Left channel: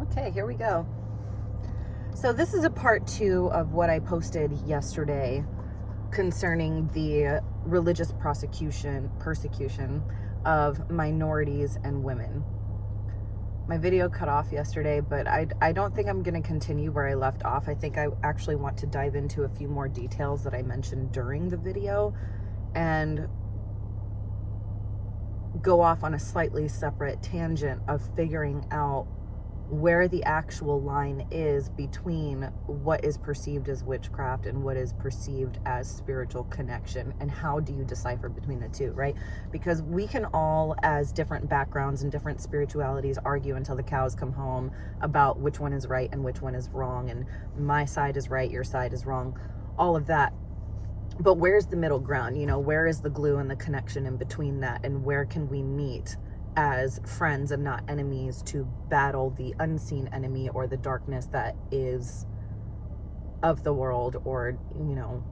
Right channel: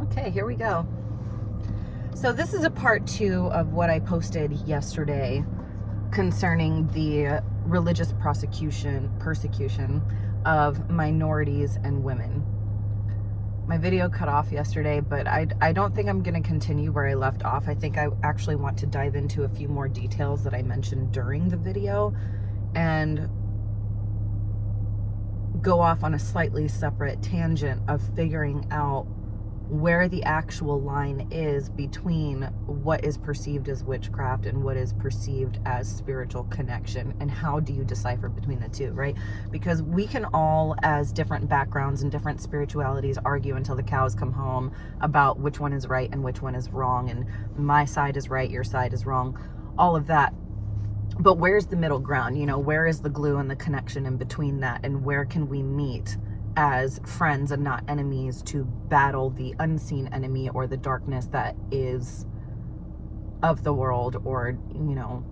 Okay, here we go. So this is a part 2 of what I posted yesterday concerning the religious persecution of minorities and women. My video cut off yesterday, but I don't think I'm going to continue where I left off. I think I actually want to dive into a few more details that I mentioned during the video and go off on a slightly separate tangent of figuring out where the actual line is between what is perceived as witchcraft and what is perceived as spiritual connection, and how do you decipher between the two, right? Because we can all, as different backgrounds and different spiritualities, argue until the cows come home about which one is right and which one is wrong, and my side is right, your side is wrong, all of that. But where's the middle ground? You know, where is the glue and the connection in between that, and where can we meet as friends and not enemies to battle the unseen enemy or the darkness that is of the world, or, you know,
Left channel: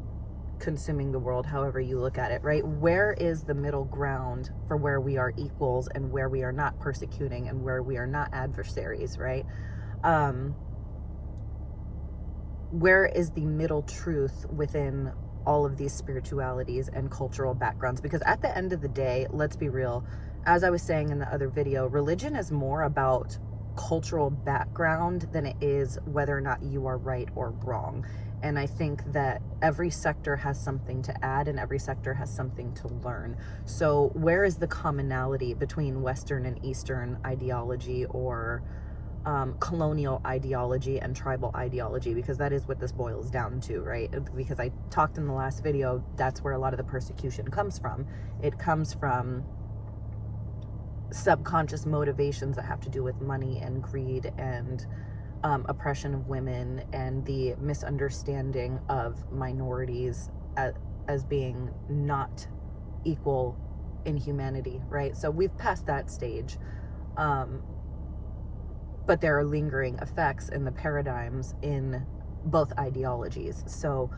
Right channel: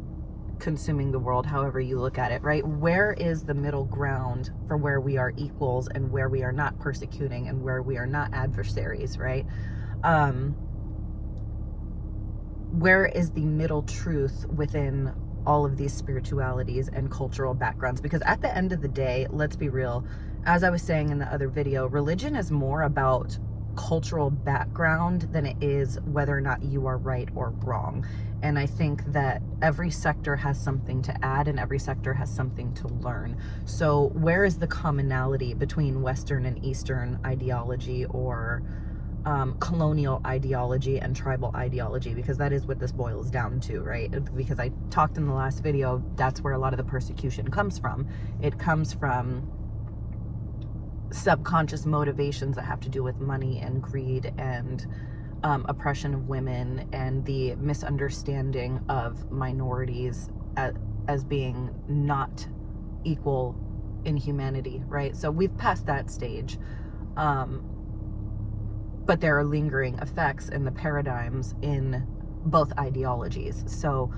consuming the world, however you look at it, right? Where is the middle ground for where we are equals and where we are not persecuting and where we are not adversaries, right? Where is the middle truth within all of these spiritualities and cultural backgrounds? Because at the end of the day, let's be real, as I was saying in the other video, religion is more about cultural background than it is whether or not you are right or wrong. And I think that every sector has something to add and every sector has something to learn. So where is the commonality between Western and Eastern ideology, or colonial ideology and tribal ideology? Because that is what this boils down to, right? Because I talked in the last video, that's where a lot of the persecution comes from. It comes from subconscious motivations that have to do with money and greed and oppression of women, and the misunderstanding of minorities as being not equal in humanity, right? So we've passed that stage. But there are lingering effects in the paradigms in both ideologies. So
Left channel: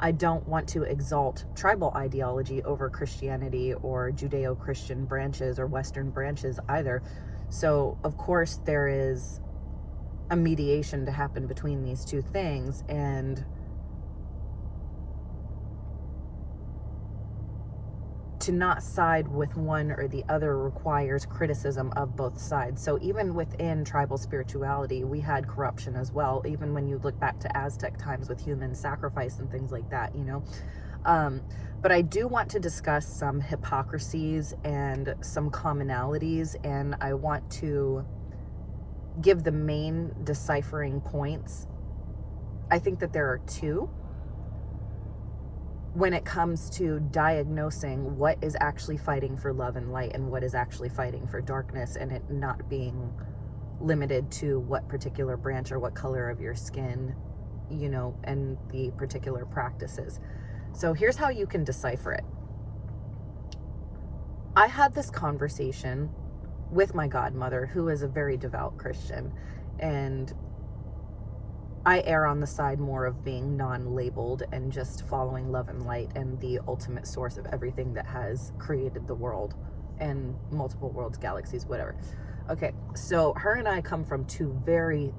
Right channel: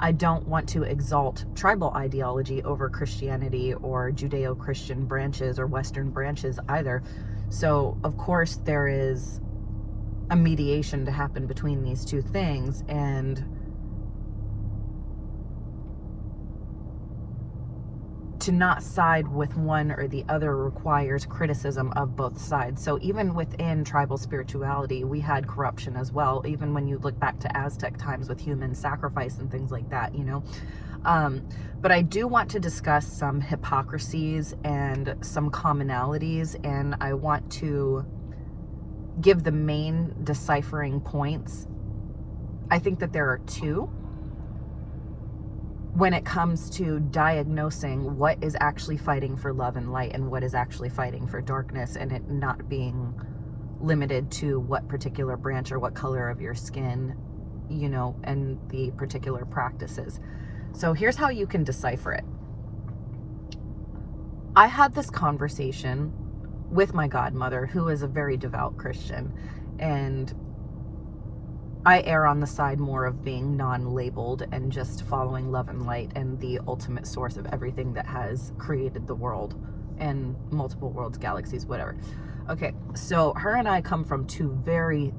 I don't want to exalt tribal ideology over Christianity or Judeo-Christian branches or Western branches either. So of course there is a mediation to happen between these two things, and to not side with one or the other requires criticism of both sides. So even within tribal spirituality, we had corruption as well, even when you look back to Aztec times with human sacrifice and things like that, you know. But I do want to discuss some hypocrisies and some commonalities, and I want to give the main deciphering points. I think that there are two when it comes to diagnosing what is actually fighting for love and light and what is actually fighting for darkness, and it not being limited to what particular branch or what color of your skin, you know, and the particular practices. So here's how you can decipher it. I had this conversation with my godmother, who is a very devout Christian, and I err on the side more of being non-labeled and just following love and light and the ultimate source of everything that has created the world and multiple worlds, galaxies, whatever. Okay, so her and I come from two very,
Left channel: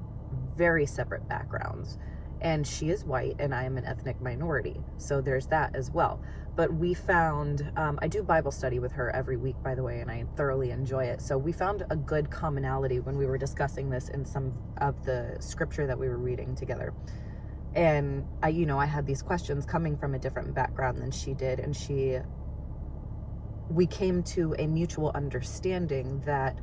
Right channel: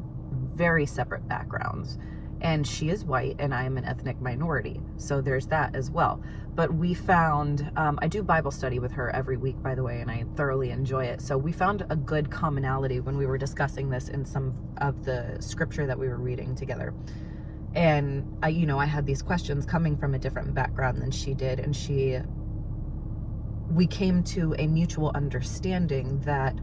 very separate backgrounds. And she is white and I am an ethnic minority. So there's that as well. But we found, I do Bible study with her every week, by the way, and I thoroughly enjoy it. So we found a good commonality when we were discussing this in some of the scripture that we were reading together. And I had these questions coming from a different background than she did. And we came to a mutual understanding that,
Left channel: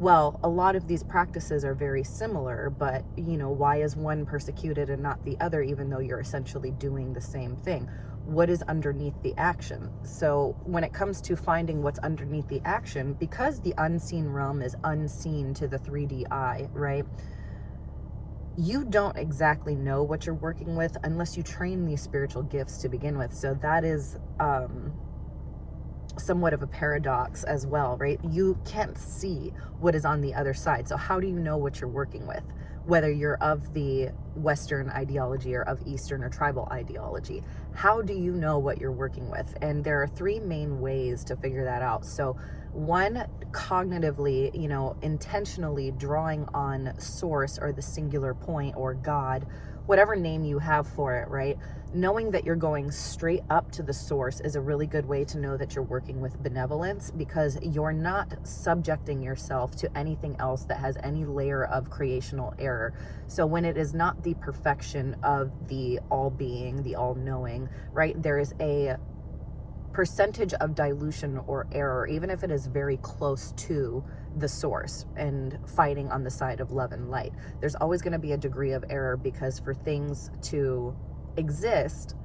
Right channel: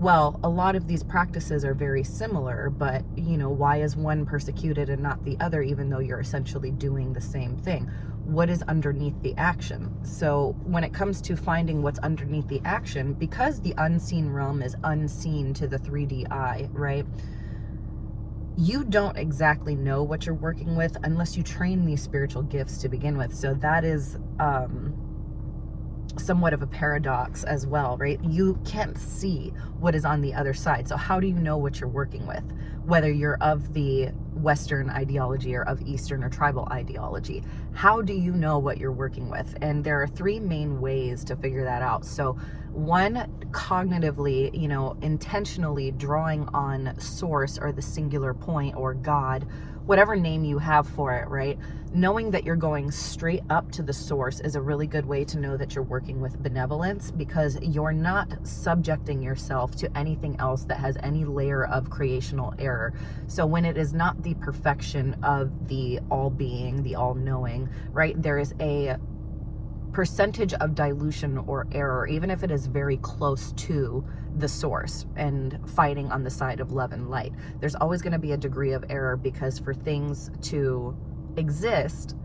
well, a lot of these practices are very similar, but, you know, why is one persecuted and not the other, even though you're essentially doing the same thing? What is underneath the action? So when it comes to finding what's underneath the action, because the unseen realm is unseen to the 3D eye, right? You don't exactly know what you're working with unless you train these spiritual gifts to begin with. So that is somewhat of a paradox as well, right? You can't see what is on the other side. So how do you know what you're working with? Whether you're of the Western ideology or of Eastern or tribal ideology, how do you know what you're working with? And there are three main ways to figure that out. So One, cognitively, you know, intentionally drawing on source or the singular point or God, whatever name you have for it, right? Knowing that you're going straight up to the source is a really good way to know that you're working with benevolence, because you're not subjecting yourself to anything else that has any layer of creational error. So when it is not the perfection of the all-being, the all-knowing, right, there is a percentage of dilution or error, even if it is very close to the source and fighting on the side of love and light. There's always going to be a degree of error, because for things to exist,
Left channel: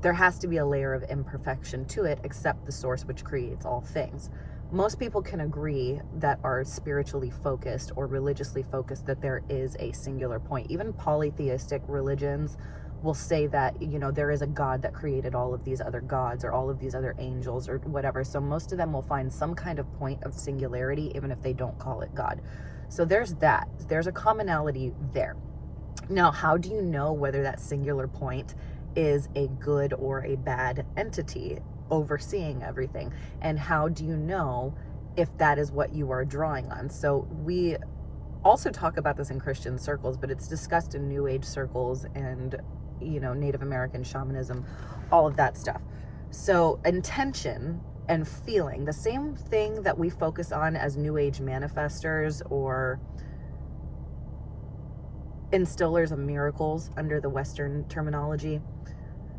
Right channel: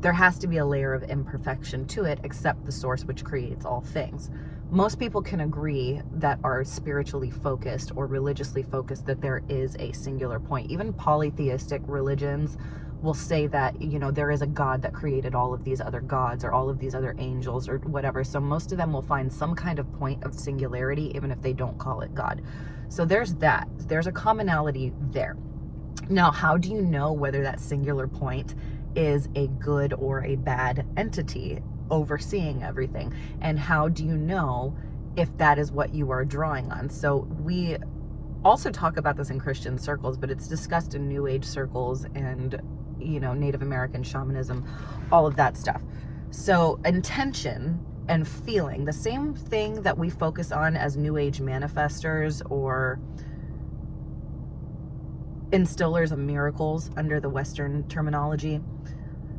there has to be a layer of imperfection to it, except the source which creates all things. Most people can agree that are spiritually focused or religiously focused that there is a singular point. Even polytheistic religions will say that, you know, there is a God that created all of these other gods or all of these other angels or whatever. So most of them will find some kind of point of singularity, even if they don't call it God. So there's that. There's a commonality there. Now, how do you know whether that singular point is a good or a bad entity overseeing everything? And how do you know if that is what you are drawing on? So we also talk about this in Christian circles, but it's discussed in New Age circles and, you know, Native American shamanism, all of that stuff. So intention and feeling, the same thing that we focus on as New Age manifestors or instillers of miracles under the Western terminology.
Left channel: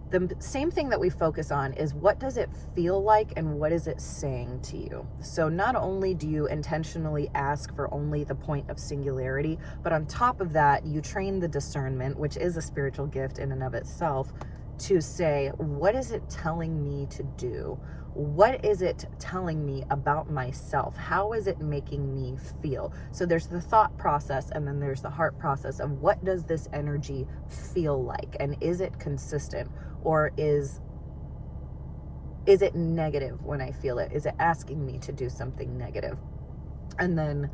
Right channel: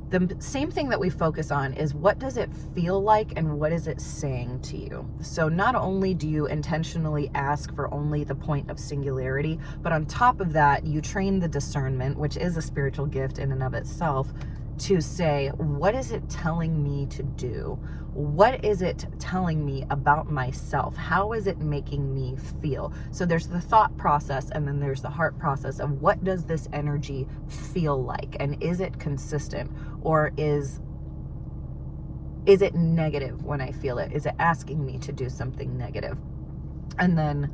The same thing that we focus on is, what does it feel like and what is it saying to you? So not only do you intentionally ask for only the point of singularity, but on top of that, you train the discernment, which is a spiritual gift in and of itself, to say, what is it telling me to do? What is it telling me about myself? How is it making me feel? So there's the thought process, and then there's the heart process of, what does this energy feel like? And is it consistent? Or is it negative when I feel it? Is it asking me to do something negative? And then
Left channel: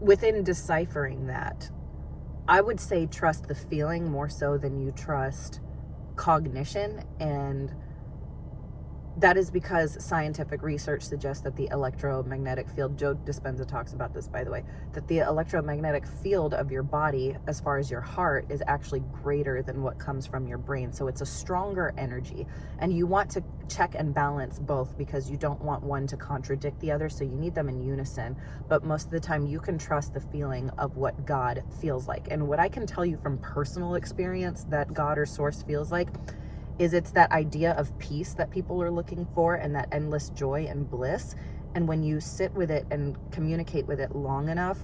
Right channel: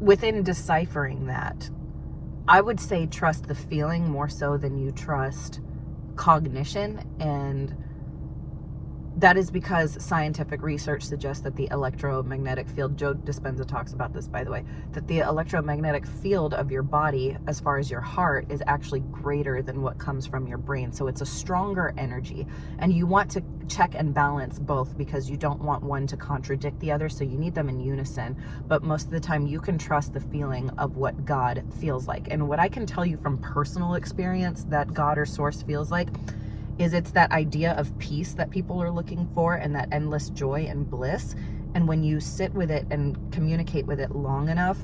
within deciphering that, I would say trust the feeling more so than you trust cognition. And that is because scientific research suggests that the electromagnetic field, Joe Dispenza talks about this, by the way, that the electromagnetic field of your body, as far as your heart, is actually greater than what comes from your brain. So it's a stronger energy, and you want to check and balance both, because you don't want one to contradict the other. So you need them in unison. But most of the time you can trust the feeling of what God feels like. And what I can tell you from personal experience that God or source feels like is, it's that idea of peace that people are looking for, and that endless joy and bliss. And when you sit with it and communicate with it long enough,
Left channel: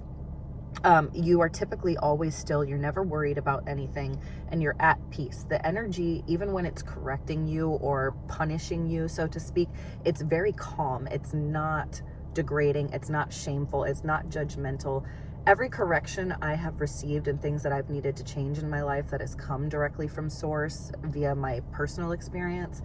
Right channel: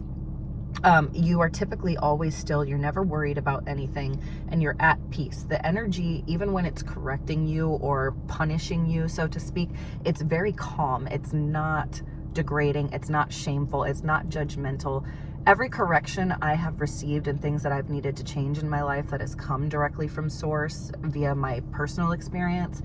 you are typically always still, you're never worried about anything, and you're at peace. The energy, even when it's correcting you or punishing you, so to speak, it's very calm. It's not degrading. It's not shameful. It's not judgmental. Every correction I have received and things that I've needed to change in my life that has come directly from source via my personal experience,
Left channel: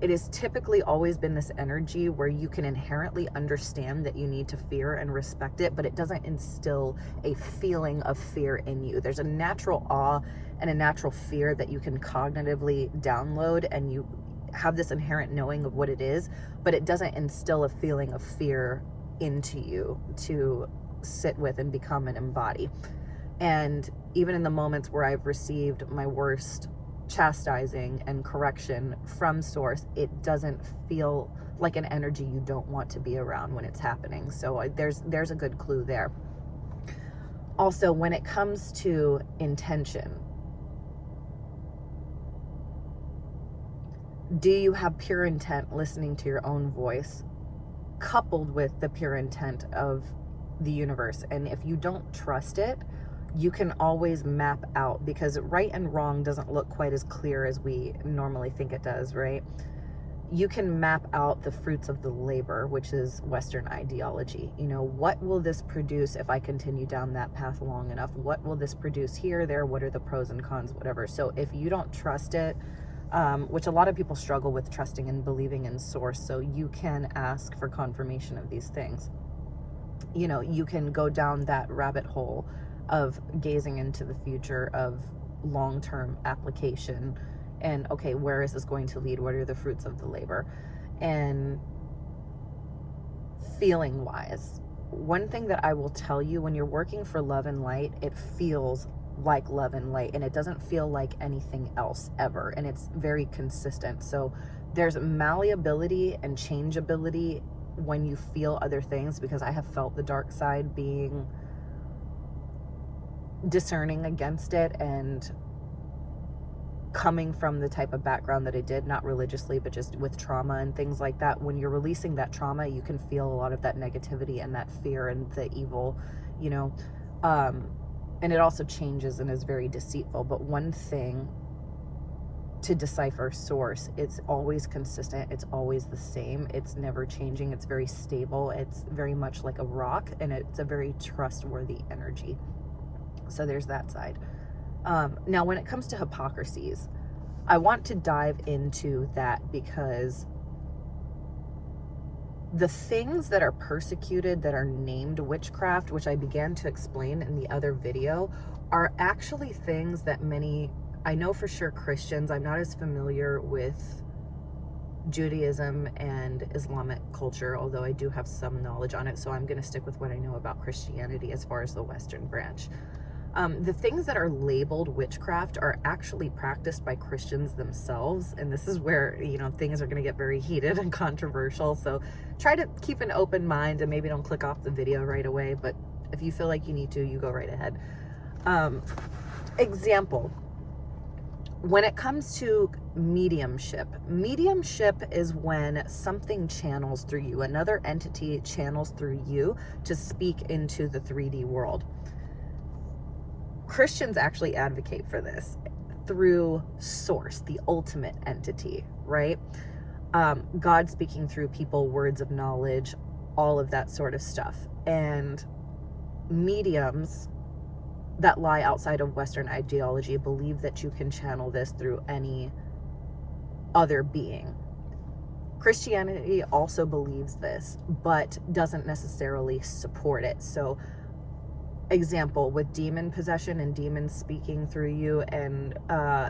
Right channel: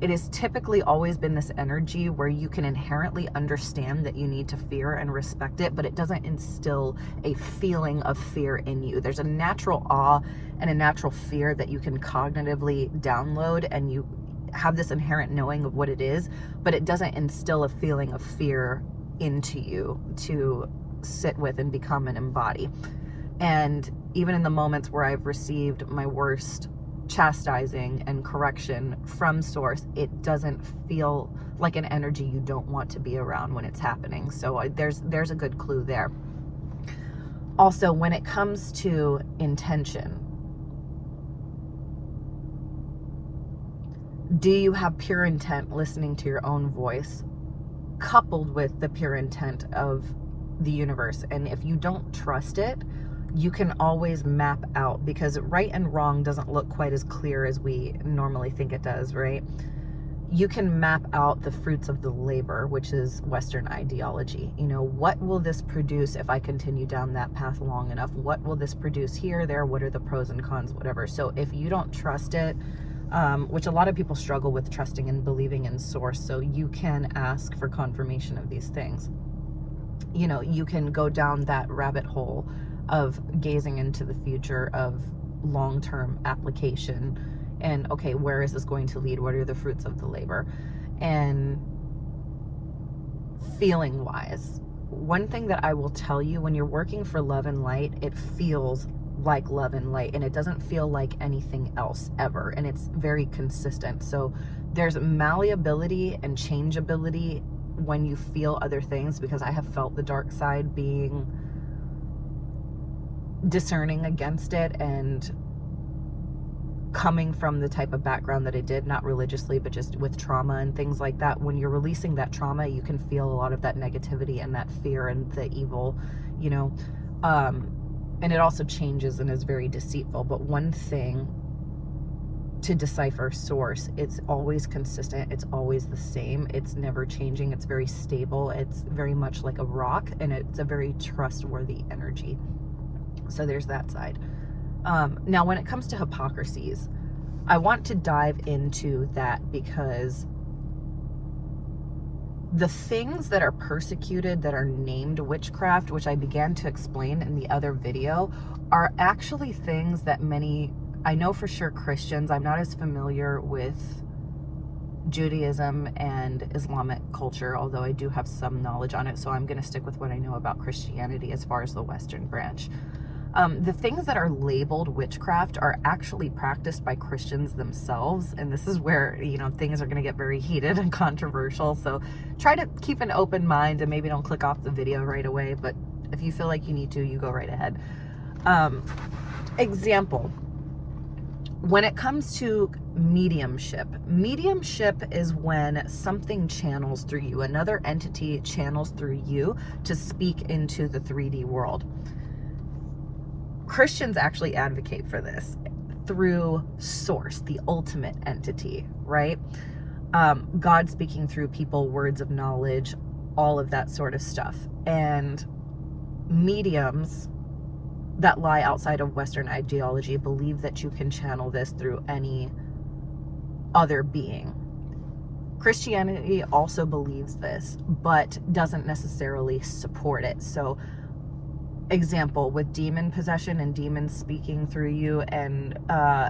it has typically always been this energy where you can inherently understand that you need to fear and respect it, but it doesn't instill a feeling of fear in you. There's a natural awe and a natural fear that you can cognitively download, and you have this inherent knowing of what it is, but it doesn't instill a feeling of fear into you to sit with and become and embody. And even in the moments where I've received my worst chastising and correction from source, it doesn't feel like an energy you don't want to be around when it's happening. So there's a good clue there. Also, when it comes to intention, do you have pure intent listening to your own voice coupled with the pure intent of the universe? And if you don't trust it, you can always map out, because right and wrong doesn't look quite as clear as we normally think it does, right? You can map out the fruits of the labor, which is Western ideology. You know, what will this produce if I continue down that path long enough? What will this produce here, there? What are the pros and cons, whatever? So if you don't trust it, which a lot of people struggle with trusting and believing in source, so you can ask for confirmation of these things. You know, you can go down that rabbit hole of gazing into the future of long-term application and okay, where is this going to lead? What are the fruits of the labor? And feeling wise, one thing that I will tell you, when you're working for love and light, it feels like love and light, and it doesn't feel like anything else ever, and it's very consistent. So there's malleability and changeability when you feel other things, because I have felt the dark side, being discerning against it and coming from the type of background that I did, not religiously, but just with trauma and things like that. When you're releasing that trauma, you can feel a lot of that negativity and that fear and the evil, you know, and it also changes and is very deceitful. But one thing to decipher source, it's always consistent, it's always the same, it's never changing, it's very stable, it's very much like a rock, and it's a very trustworthy energy. So there's that side. Now, when it comes to hypocrisies, I want to dive into that, because the things that are persecuted, that are named witchcraft, which I began to explain in the other video, are actually things that many, I know for sure Christians, I'm not as familiar with Judaism and Islamic culture, although I do have some knowledge on it, so I'm going to stick with what I know about Christianity as far as the Western branch. The things that are labeled witchcraft are actually practiced by Christians themselves, and this is where, you know, things are going to get very heated and controversial, so try to keep an open mind and maybe don't click off the video right away, but if you feel like you need to, you go right ahead. Example, when it comes to mediumship is when something channels through you, another entity channels through you to speak into the 3D world. Christians actually advocate for this through source, the ultimate entity, right? God speaking through people, words of knowledge, all of that sort of stuff. And mediums that lie outside of Western ideology believe that you can channel this through any other being. Christianity also believes this, but doesn't necessarily support it. So example, with demon possession and demons speaking through you, and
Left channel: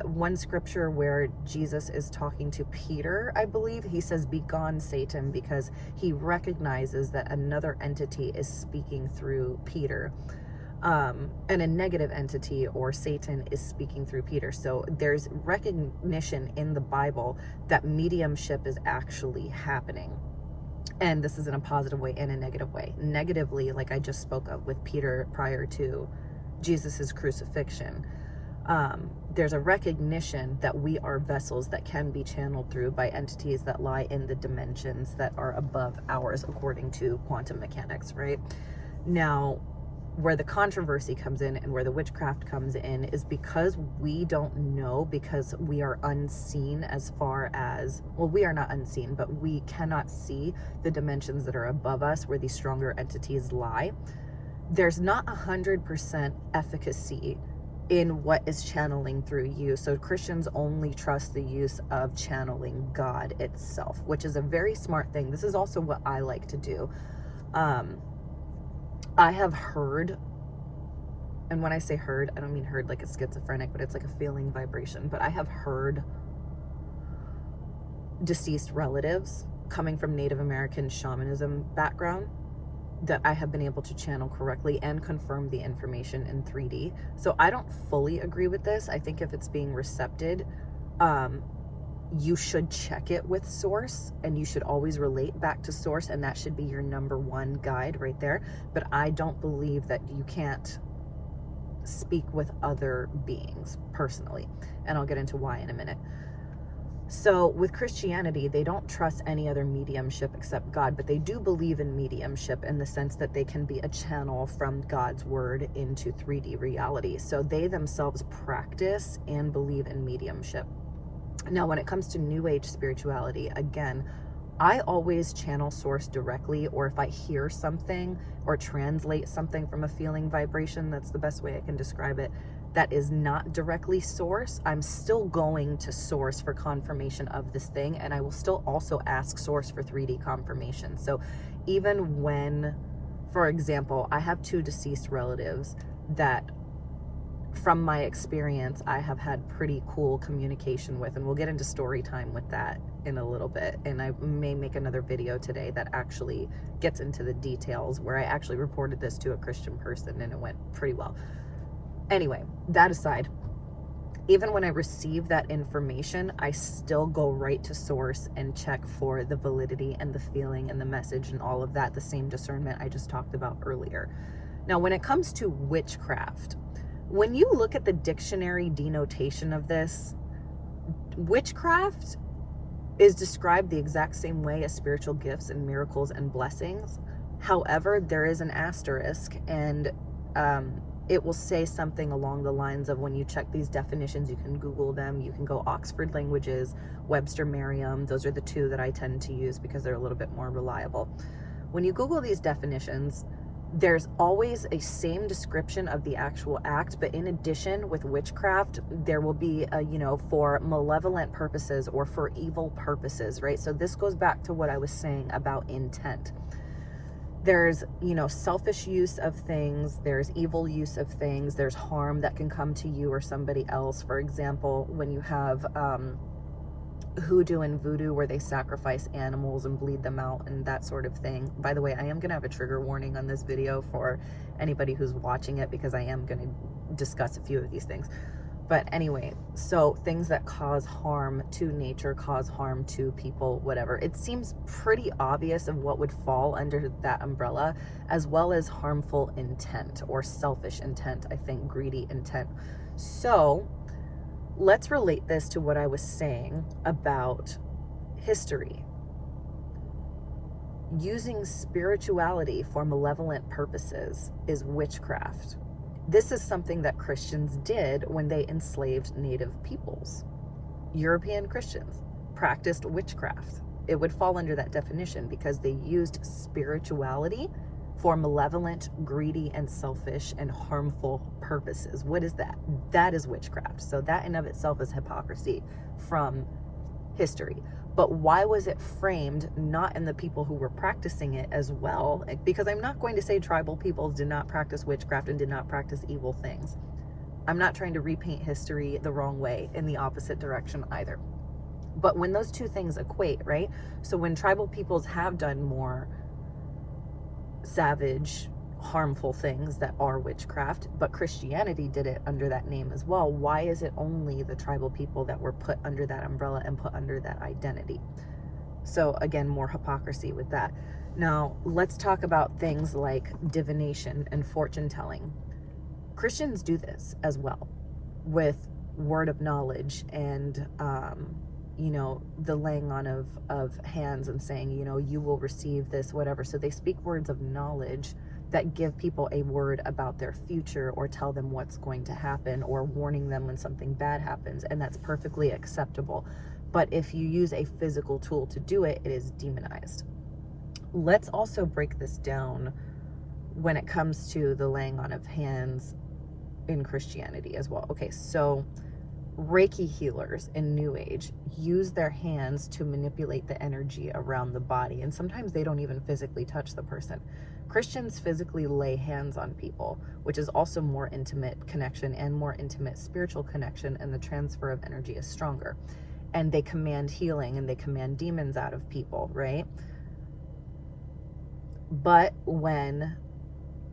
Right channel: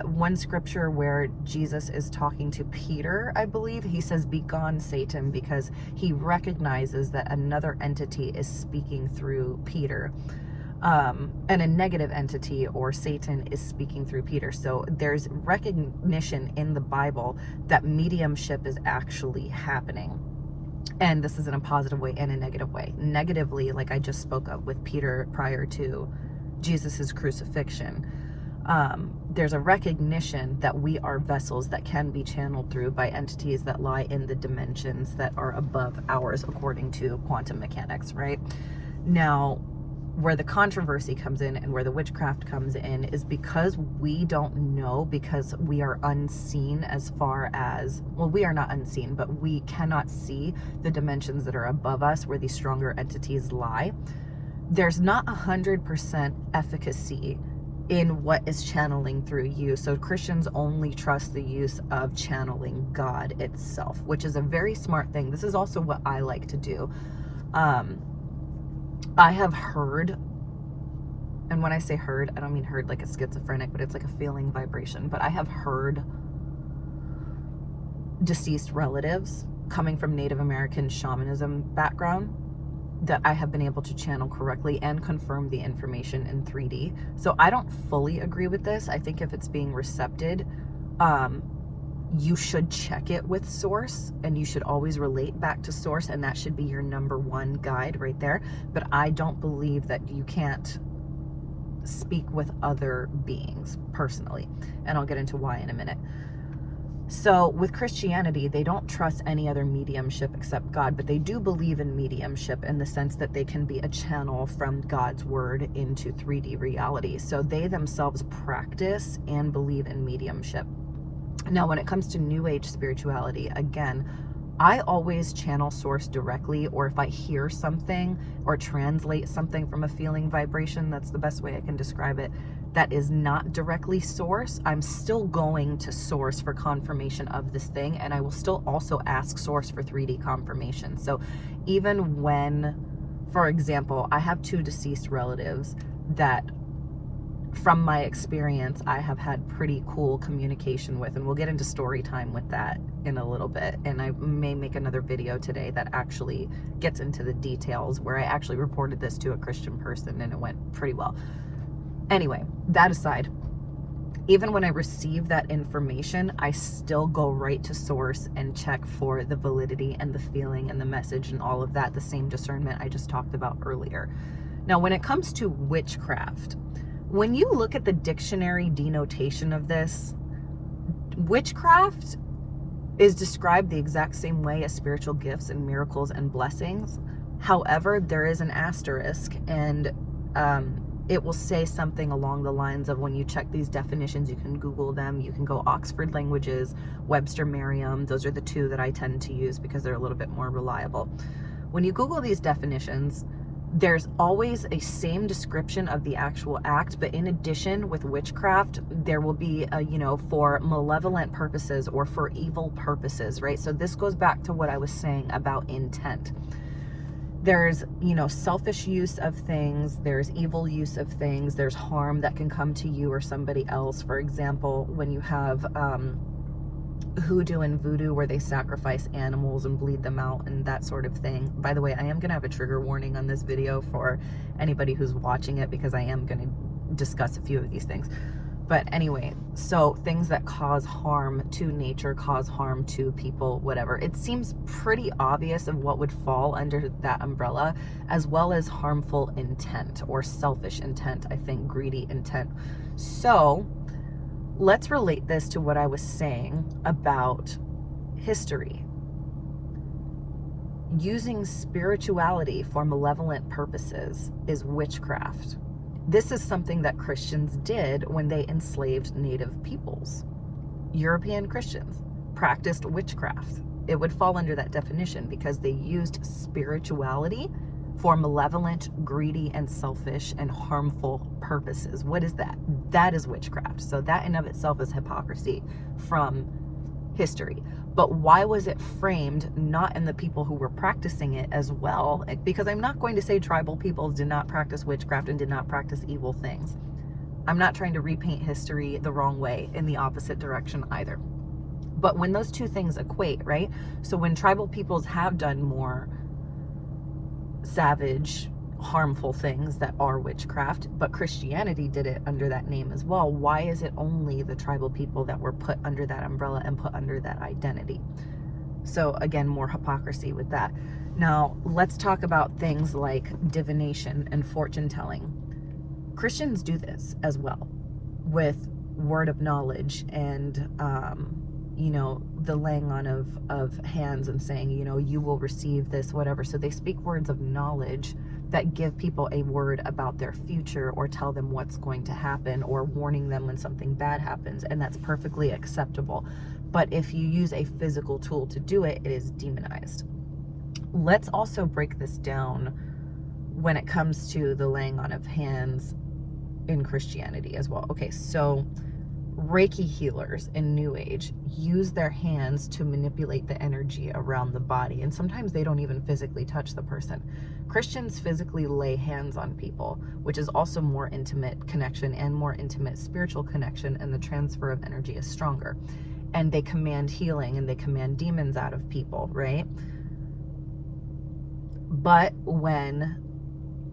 one scripture where Jesus is talking to Peter, I believe, he says, "Begone, Satan," because he recognizes that another entity is speaking through Peter, and a negative entity or Satan is speaking through Peter. So there's recognition in the Bible that mediumship is actually happening. And this is in a positive way and a negative way. Negatively, like I just spoke of with Peter prior to Jesus's crucifixion, there's a recognition that we are vessels that can be channeled through by entities that lie in the dimensions that are above ours according to quantum mechanics, right? Now, where the controversy comes in and where the witchcraft comes in is because we don't know, because we are unseen as far as, well, we are not unseen, but we cannot see the dimensions that are above us where these stronger entities lie. There's not 100% efficacy in what is channeling through you. So Christians only trust the use of channeling God itself, which is a very smart thing. This is also what I like to do. I have heard, and when I say heard, I don't mean heard like a schizophrenic, but it's like a feeling vibration, but I have heard deceased relatives coming from Native American shamanism background that I have been able to channel correctly and confirm the information in 3D. So I don't fully agree with this. I think if it's being recepted, you should check it with source, and you should always relate back to source, and that should be your number one guide right there. But I don't believe that you can't speak with other beings personally, and I'll get into why in a minute. So with Christianity, they don't trust any other mediumship except God, but they do believe in mediumship in the sense that they can be a channel from God's word into 3D reality. So they themselves practice and believe in mediumship. Now, when it comes to New Age spirituality, again, I always channel source directly, or if I hear something or translate something from a feeling vibration, that's the best way I can describe it, that is not directly source, I'm still going to source for confirmation of this thing, and I will still also ask source for 3D confirmation. So even when, for example, I have two deceased relatives that from my experience, I have had pretty cool communication with, and we'll get into story time with that in a little bit. And I may make another video today that actually gets into the details, where I actually reported this to a Christian person and it went pretty well. Anyway, that aside, even when I receive that information, I still go right to source and check for the validity and the feeling and the message and all of that, the same discernment I just talked about earlier. Now, when it comes to witchcraft, when you look at the dictionary denotation of this, witchcraft is described the exact same way as spiritual gifts and miracles and blessings. However, there is an asterisk, and it will say something along the lines of, when you check these definitions, you can Google them, you can go Oxford Languages, Webster Merriam. Those are the two that I tend to use because they're a little bit more reliable. When you Google these definitions, there's always a same description of the actual act, but in addition, with witchcraft, there will be a, for malevolent purposes or for evil purposes, right? So this goes back to what I was saying about intent. There's, selfish use of things, there's evil use of things, there's harm that can come to you or somebody else. For example, when you have hoodoo and voodoo, where they sacrifice animals and bleed them out and that sort of thing. By the way, I am going to have a trigger warning on this video for anybody who's watching it, because I am going to discuss a few of these things. But anyway, so things that cause harm to nature, cause harm to people, whatever. It seems pretty obvious of what would fall under that umbrella, as well as harmful intent or selfish intent, I think greedy intent. So let's relate this to what I was saying about history. Using spirituality for malevolent purposes is witchcraft. This is something that Christians did when they enslaved native peoples. European Christians practiced witchcraft. It would fall under that definition because they used spirituality for malevolent, greedy, and selfish and harmful purposes. What is that? That is witchcraft. So that in of itself is hypocrisy from history. But why was it framed not in the people who were practicing it as well? Because I'm not going to say tribal peoples did not practice witchcraft and did not practice evil things. I'm not trying to repaint history the wrong way in the opposite direction either. But when those two things equate, right? So when tribal peoples have done more savage, harmful things that are witchcraft, but Christianity did it under that name as well, why is it only the tribal people that were put under that umbrella and put under that identity? So again, more hypocrisy with that. Now, let's talk about things like divination and fortune telling. Christians do this as well with word of knowledge and the laying on of hands and saying, you will receive this, whatever. So they speak words of knowledge that give people a word about their future, or tell them what's going to happen, or warning them when something bad happens, and that's perfectly acceptable. But if you use a physical tool to do it, it is demonized. Let's also break this down when it comes to the laying on of hands in Christianity as well. Okay, so Reiki healers in New Age use their hands to manipulate the energy around the body, and sometimes they don't even physically touch the person. Christians physically lay hands on people, which is also more intimate connection and more intimate spiritual connection, and the transfer of energy is stronger. And they command healing and they command demons out of people, right? But when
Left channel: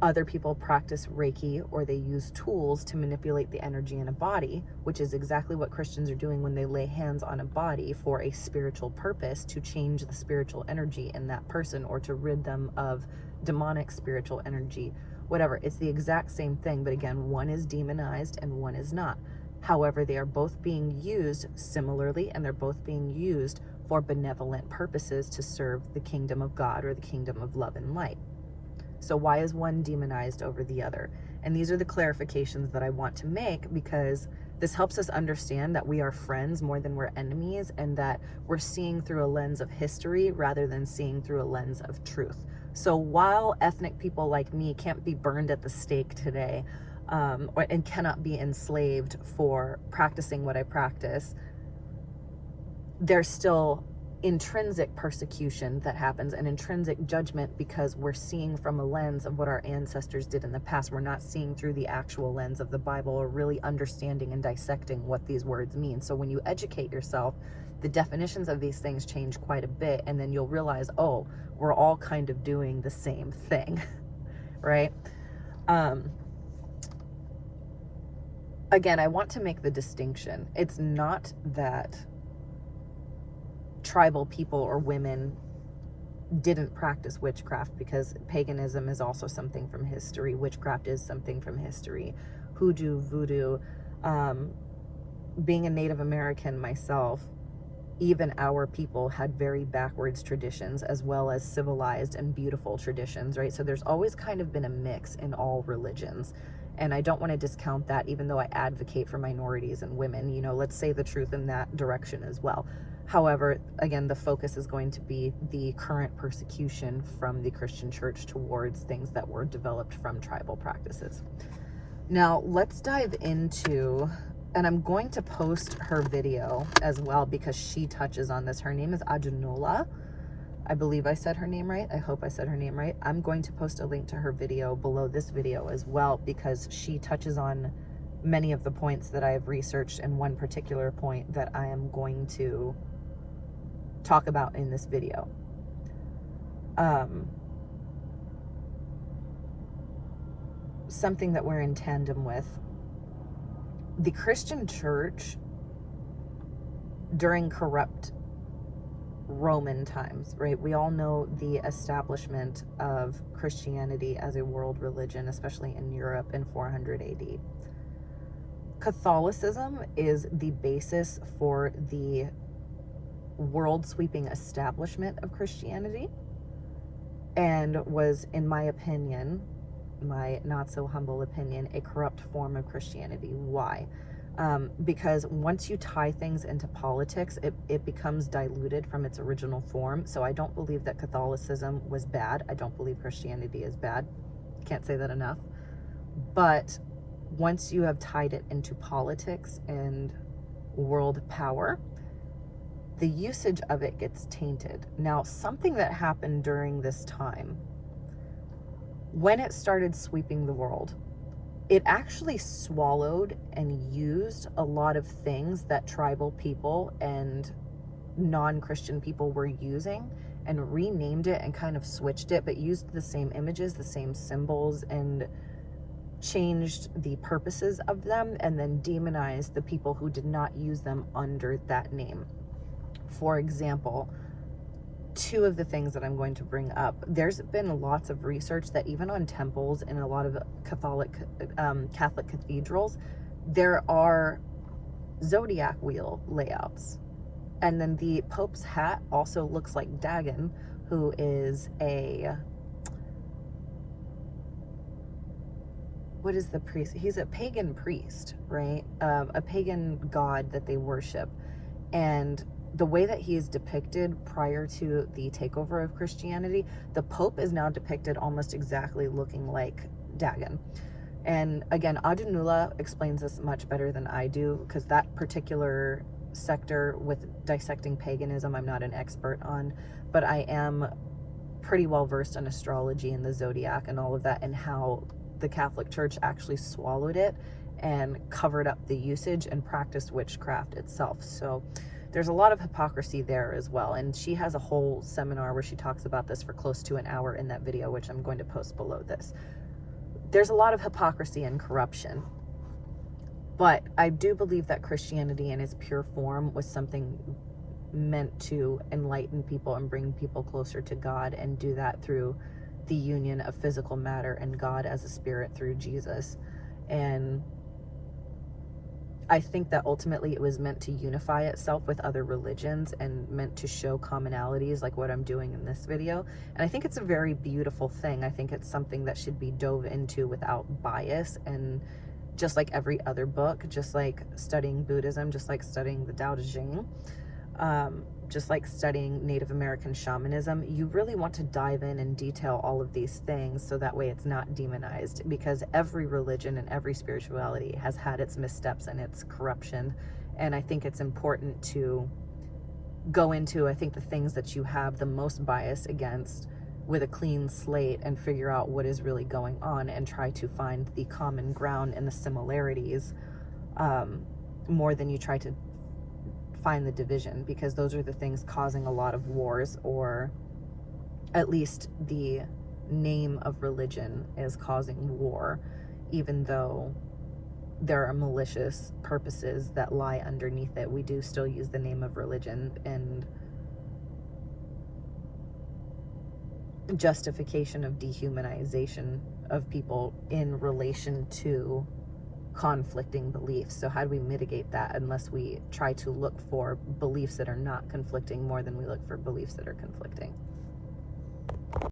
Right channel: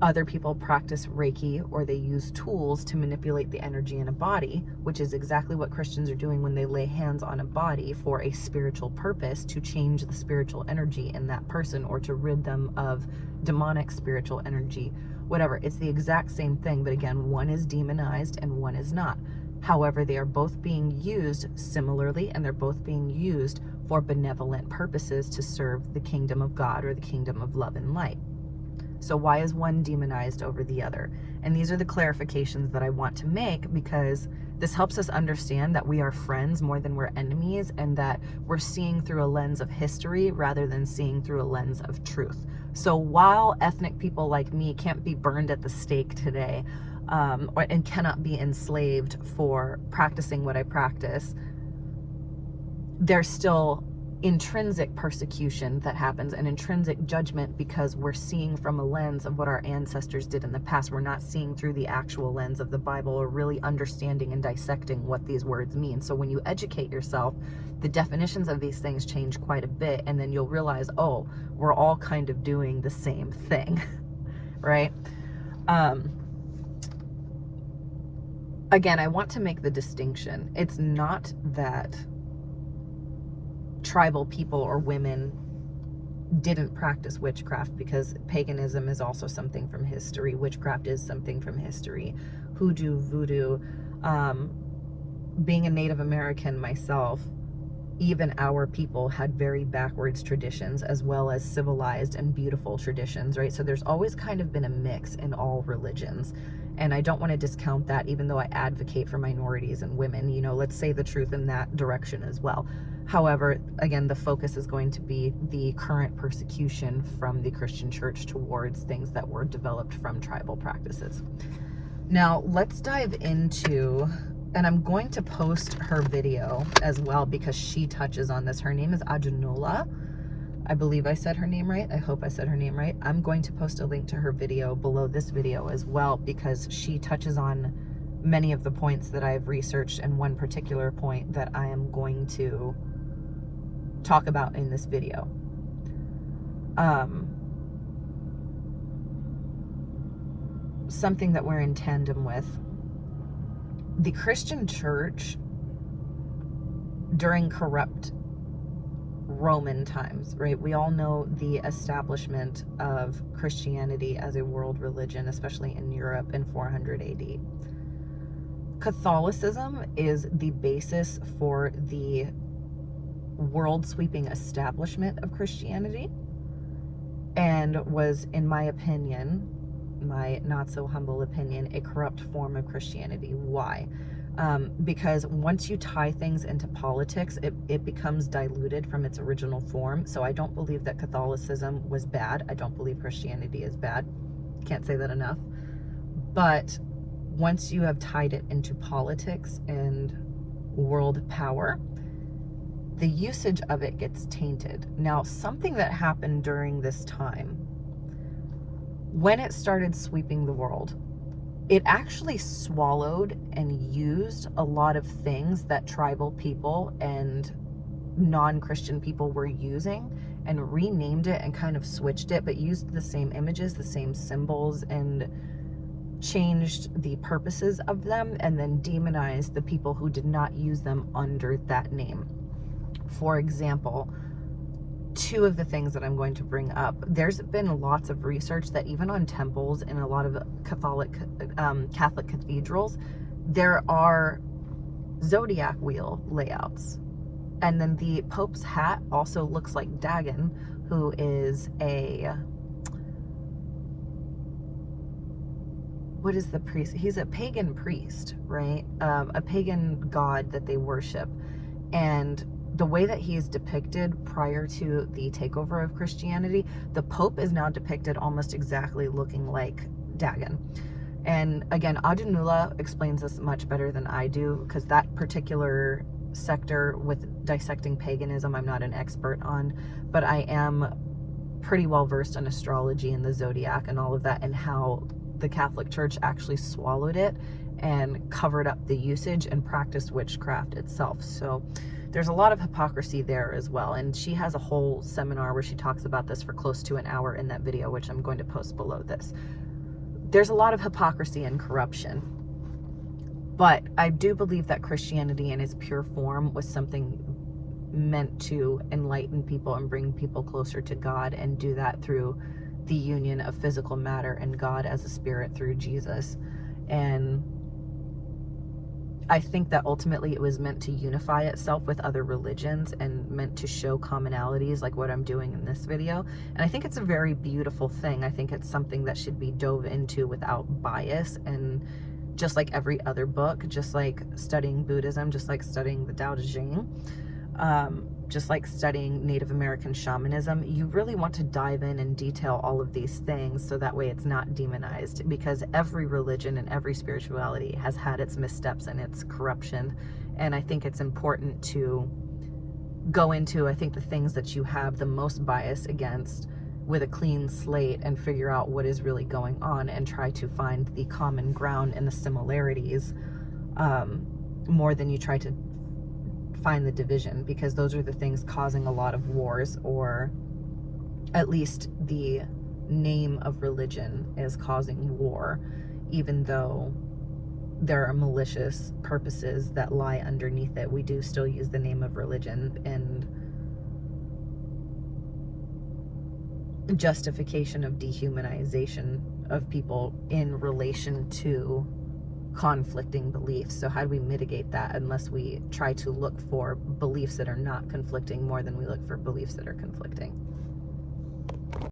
other people practice Reiki, or they use tools to manipulate the energy in a body, which is exactly what Christians are doing when they lay hands on a body for a spiritual purpose, to change the spiritual energy in that person, or to rid them of demonic spiritual energy, whatever. It's the exact same thing, but again, one is demonized and one is not. However, they are both being used similarly, and they're both being used for benevolent purposes to serve the kingdom of God, or the kingdom of love and light. So why is one demonized over the other? And these are the clarifications that I want to make, because this helps us understand that we are friends more than we're enemies, and that we're seeing through a lens of history rather than seeing through a lens of truth. So while ethnic people like me can't be burned at the stake today, and cannot be enslaved for practicing what I practice, there's still intrinsic persecution that happens, an intrinsic judgment, because we're seeing from a lens of what our ancestors did in the past. We're not seeing through the actual lens of the Bible, or really understanding and dissecting what these words mean. So when you educate yourself, the definitions of these things change quite a bit, and then you'll realize, oh, we're all kind of doing the same thing, right? Again, I want to make the distinction. It's not that tribal people or women didn't practice witchcraft, because paganism is also something from history. Witchcraft is something from history. Hoodoo, voodoo. Being a Native American myself, even our people had very backwards traditions as well as civilized and beautiful traditions, right? So there's always kind of been a mix in all religions. And I don't want to discount that, even though I advocate for minorities and women. You know, let's say the truth in that direction as well. However, again, the focus is going to be the current persecution from the Christian church towards things that were developed from tribal practices. Now, let's dive into, and I'm going to post her video as well because she touches on this. Her name is Adunola. I believe I said her name right. I hope I said her name right. I'm going to post a link to her video below this video as well, because she touches on many of the points that I've researched, and one particular point that I am going to talk about in this video. Something that we're in tandem with. The Christian church during corrupt Roman times, right? We all know the establishment of Christianity as a world religion, especially in Europe in 400 AD. Catholicism is the basis for the world-sweeping establishment of Christianity, and was, in my opinion, my not so humble opinion, a corrupt form of Christianity. Why? Because once you tie things into politics, it becomes diluted from its original form. So I don't believe that Catholicism was bad. I don't believe Christianity is bad. Can't say that enough. But once you have tied it into politics and world power, the usage of it gets tainted. Now, something that happened during this time, when it started sweeping the world, it actually swallowed and used a lot of things that tribal people and non-Christian people were using, and renamed it and kind of switched it, but used the same images, the same symbols, and changed the purposes of them, and then demonized the people who did not use them under that name. For example, two of the things that I'm going to bring up, there's been lots of research that even on temples and a lot of Catholic cathedrals, there are zodiac wheel layouts. And then the Pope's hat also looks like Dagon, who is what is the priest? He's a pagan priest, right? A pagan god that they worship. And the way that he is depicted prior to the takeover of Christianity, the Pope is now depicted almost exactly looking like Dagon. And again, Adunola explains this much better than I do, because that particular sector with dissecting paganism, I'm not an expert on, but I am pretty well versed in astrology and the zodiac and all of that, and how the Catholic Church actually swallowed it and covered up the usage and practiced witchcraft itself. So there's a lot of hypocrisy there as well. And she has a whole seminar where she talks about this for close to an hour in that video, which I'm going to post below this. There's a lot of hypocrisy and corruption. But I do believe that Christianity in its pure form was something meant to enlighten people and bring people closer to God, and do that through the union of physical matter and God as a spirit through Jesus. And I think that ultimately it was meant to unify itself with other religions and meant to show commonalities like what I'm doing in this video. And I think it's a very beautiful thing. I think it's something that should be dove into without bias, and just like every other book, just like studying Buddhism, just like studying the Tao Te Ching, just like studying Native American shamanism, you really want to dive in and detail all of these things so that way it's not demonized, because every religion and every spirituality has had its missteps and its corruption. And I think it's important to go into, I think, the things that you have the most bias against with a clean slate and figure out what is really going on and try to find the common ground and the similarities, more than you try to find the division, because those are the things causing a lot of wars, or at least the name of religion is causing war, even though there are malicious purposes that lie underneath it. We do still use the name of religion and justification of dehumanization of people in relation to conflicting beliefs. So how do we mitigate that unless we try to look for beliefs that are not conflicting more than we look for beliefs that are conflicting?